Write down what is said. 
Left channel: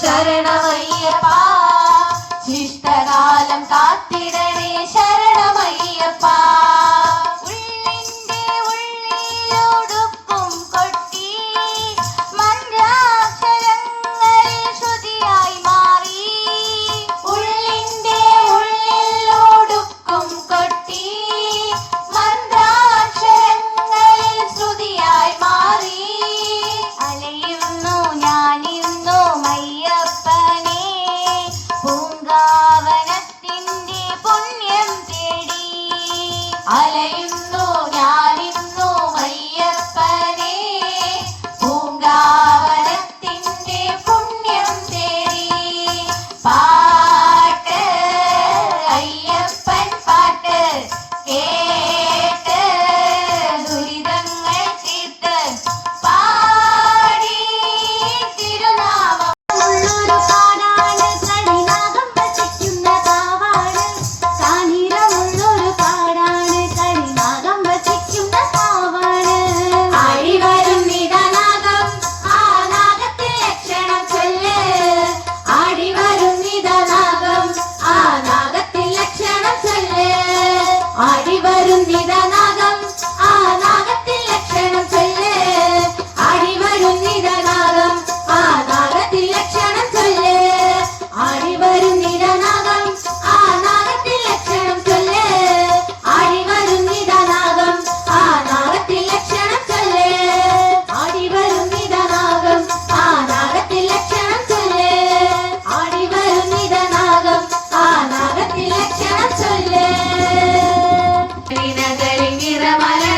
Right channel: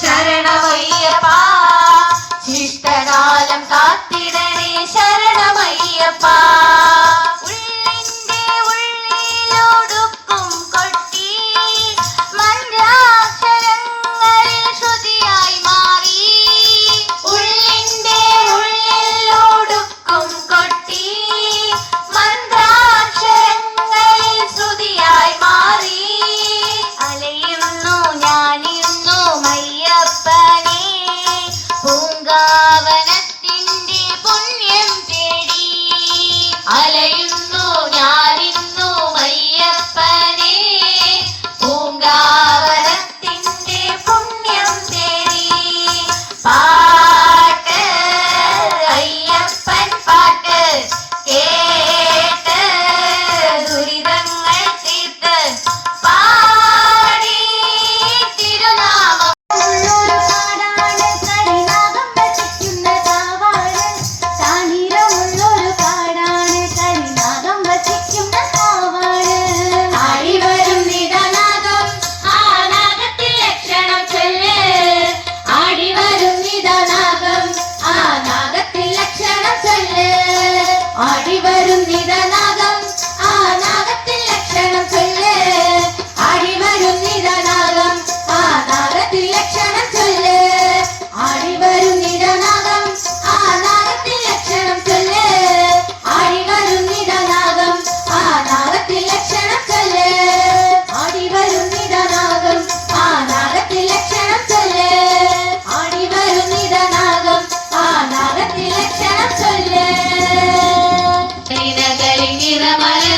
ശരണമയ്യപ്പാ ശിഷ്ടകാലം കാത്തിടണേ ശരണമയ്യപ്പാ ഉള്ളിന്റെ ഉള്ളിലൊടുക്കും കൊട്ടി മന്ത്രാക്ഷരങ്ങളിൽ ശ്രുതിയായി മാറി ഉള്ളിന്റെ ഉള്ളിലൊടുക്കും കൊട്ടി മന്ത്രാക്ഷരങ്ങളിൽ ശ്രുതിയായി മാറി അലയുന്നു ഞാനിന്നു മയ്യപ്പനെ പൂങ്കാവനത്തിന്റെ പുണ്യം തേടി അലയുന്നു ഞാനിന്നു മയ്യപ്പനെ പൂങ്കാവനത്തിന്റെ പുണ്യം തേടി പാട്ട് അയ്യപ്പൻ പാട്ട് കേട്ട് ദുരിതങ്ങൾ തീർത്ത് പാടി തിരുനാമം ഉള്ളൊരു പാടാണ് കരിനാഗം വസിക്കുന്ന കാവാണ് താനിരമുള്ളൊരു പാടാണ് കരിനാഗം വസിക്കുന്ന കാവാണ് ആടിവരും നിദനാഗം ആ നാഗത്തിൽ ലക്ഷണം ചൊല്ല് ആടിവരും നിദനാഗം ആ നാഗത്തിൽ ലക്ഷണം ചൊല്ല് ആടിവരും നിദനാഗം ആ നാഗത്തിൽ ലക്ഷണം ചൊല്ല് ആടിവരും നിദനാഗം ആ നാഗത്തിൽ ലക്ഷണം ചൊല്ല് ആടിവരും നിദനാഗം ആ നാഗത്തിൽ ലക്ഷണം ചൊല്ല് ആടിവരും നിദനാഗം ആ നാഗത്തിൽ ലക്ഷണം ചൊല്ല് ആടിവരും നിദനാഗം ആ നാഗത്തിൽ ലക്ഷണം ചൊല്ല് ആടിവരും നിദനാഗം ആ നാഗത്തിൽ ലക്ഷണം ചൊല്ല് നിറമല